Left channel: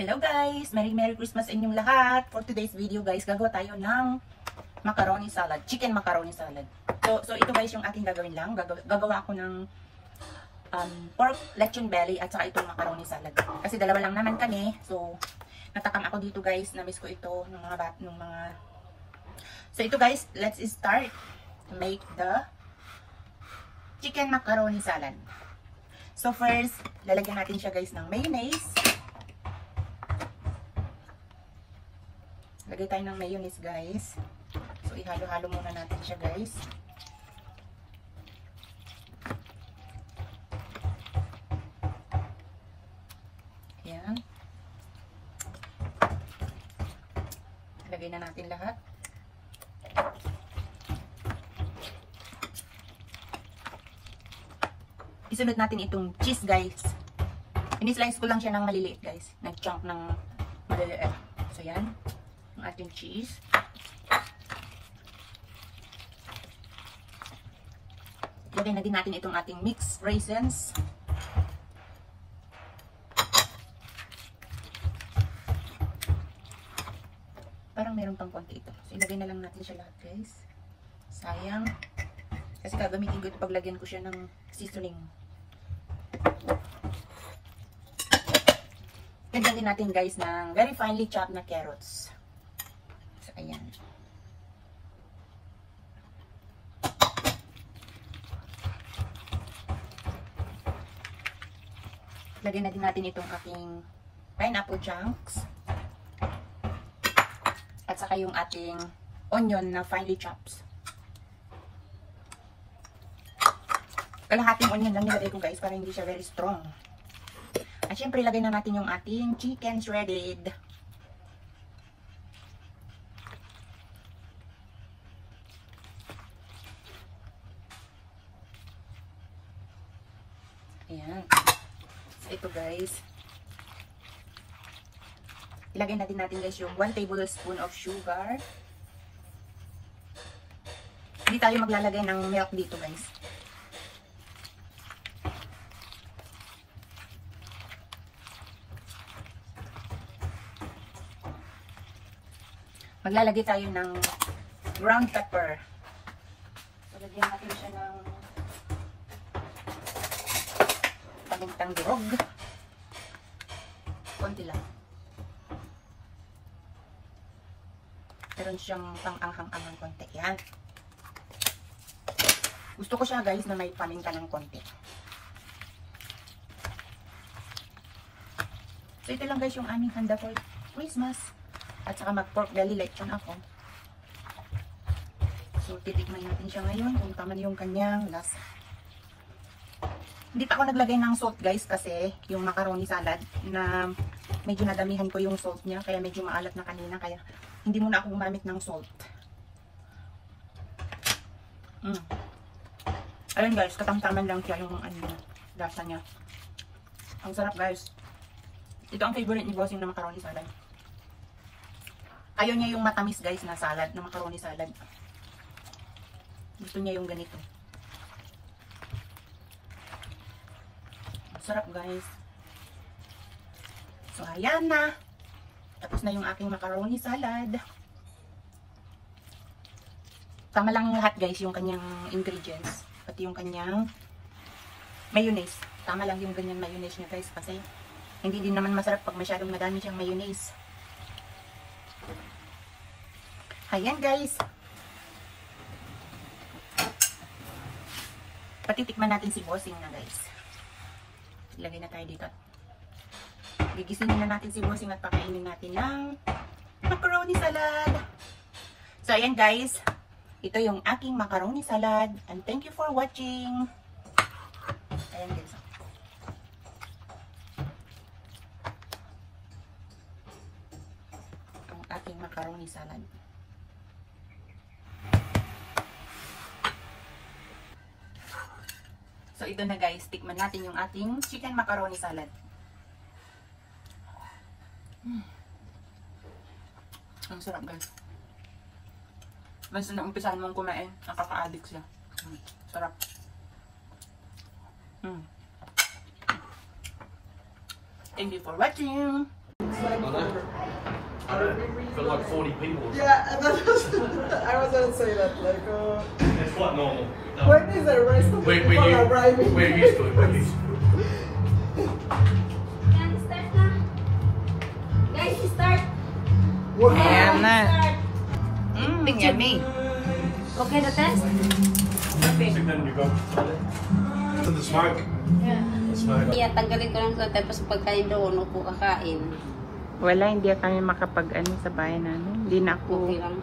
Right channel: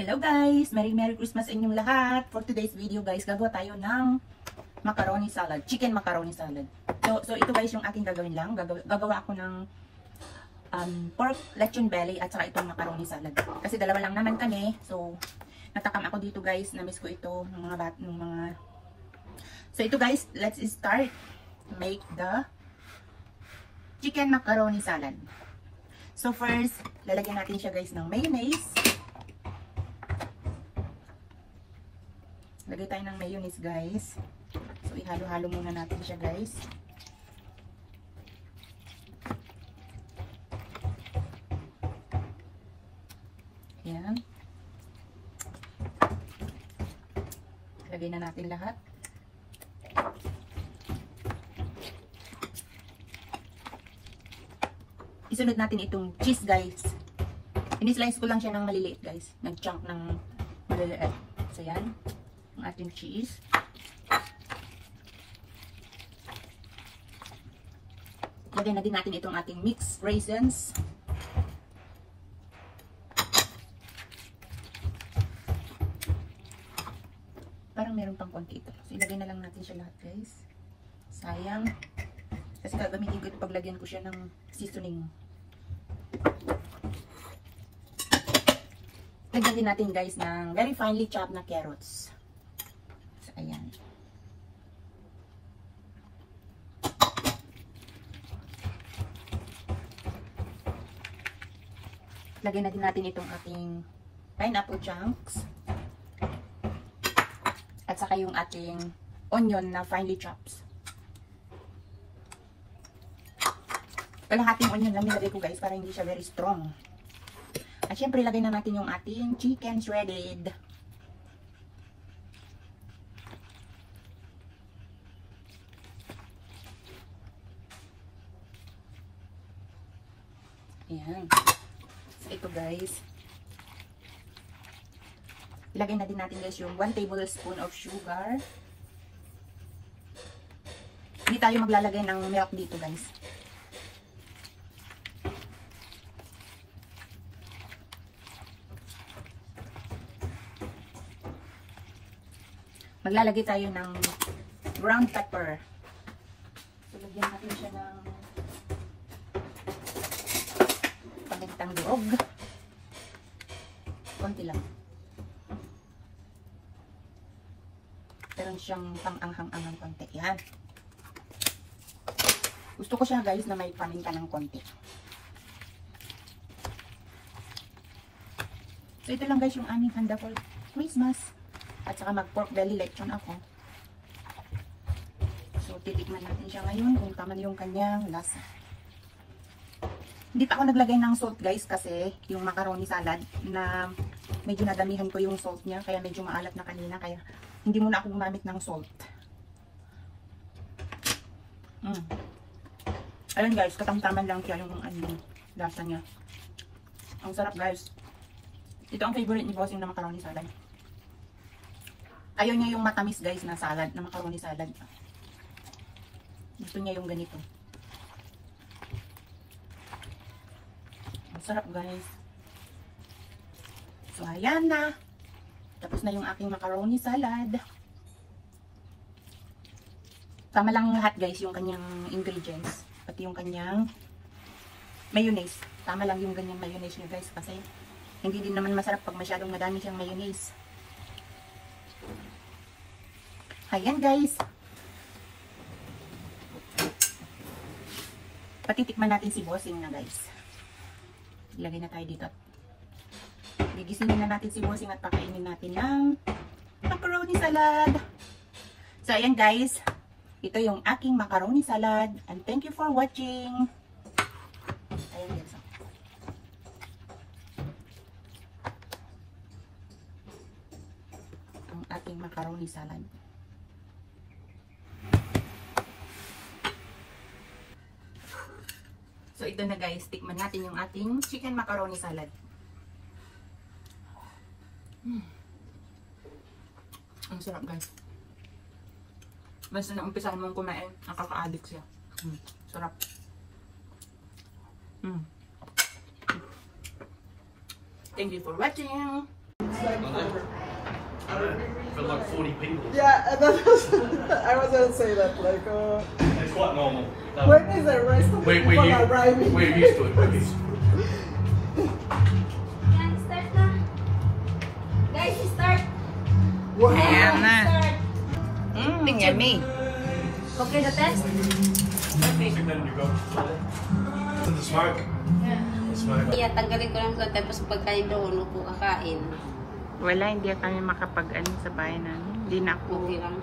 Hello guys! Merry Christmas sa inyong lahat! For today's video guys, gagawa tayo ng macaroni salad. Chicken macaroni salad. So ito guys yung ating gagawin lang. Gagawa ako ng pork lechon belly at saka itong macaroni salad. Kasi dalawa lang naman kami. So natakam ako dito guys. Namiss ko ito ng mga So ito guys, let's start to make the chicken macaroni salad. So first, lalagyan natin siya guys ng mayonnaise. Lagay tayo ng mayonnaise guys. So ihalo-halo muna natin siya guys. Ayan. Lagay na natin lahat. Isunod natin itong cheese guys. Ini-slice ko lang siya ng maliliit guys. Nag-chunk ng maliliit. So yan. Ang ating cheese. Lagyan na din natin itong ating mixed raisins. Parang meron pang konti ito. So ilagay na lang natin siya lahat guys. Sayang. Kasi gagamitin ko ito paglagyan ko siya ng seasoning. Lagyan din natin guys ng very finely chopped na carrots. So ayan. Lagyan na din natin itong ating pineapple chunks. At saka yung ating onion na finely chopped. Kalahating onion lang nilagay ko guys para hindi siya very strong. At syempre ilagay na natin yung ating chicken shredded. Ayan. So ito guys. Ilagay na din natin guys yung 1 tablespoon of sugar. Hindi tayo maglalagay ng milk dito guys. Maglalagay tayo ng ground pepper. So, lagyan natin siya ng pamintang durog. Konti lang. Meron siyang pang-anghang-anghang konti. Yan. Gusto ko siya guys na may paminta ng konti. So, ito lang guys yung aming handa for Christmas. At saka mag-pork belly lechon ako. So, titikman natin siya ngayon kung paano yung kanyang lasa. Hindi pa ako naglagay ng salt guys kasi yung macaroni salad na medyo nadamihan ko yung salt niya. Kaya medyo maalat na kanina. Kaya hindi muna ako gumamit ng salt. Ayun guys, katamtaman lang siya yung lasa niya. Ang sarap guys. Ito ang favorite ni Boss yung na macaroni salad. Ayaw niya yung matamis guys na salad, na macaroni salad. Gusto niya yung ganito. Ang sarap guys. So ayan na. Tapos na yung aking macaroni salad. Tama lang lahat guys yung kanyang ingredients. Pati yung kanyang mayonnaise. Tama lang yung ganyan mayonnaise niya guys. Kasi hindi din naman masarap pag masyadong madami siyang mayonnaise. Ayan guys. Patitikman natin si Bossing na guys. Ilagay na tayo dito. Gigisingin na natin si Bossing at pakainin natin ng macaroni salad. So ayan guys. Ito yung aking macaroni salad. And thank you for watching. Ayan guys. Ang aking macaroni salad. So, ito na guys. Tikman natin yung ating chicken macaroni salad. Ang sarap guys. Basta na umpisahan mong kumain, nakaka-addict siya. Sarap. Thank you for watching. like for, I remember For like 40 people. yeah, and that was, I was gonna say that, like, It's quite normal. when is the rest of the people arriving? We're used to it. We're used to it. Yan, start na. Guys, start. Ayan na. Yummy. Okay na test? To the smoke. Yeah. The smoke. Yeah, tanggalin ko lang ito. Tapos pagkain doon, upo kakain. Wala, hindi kami makapag-ano sa bahay namin. Hindi na ako Okay lang.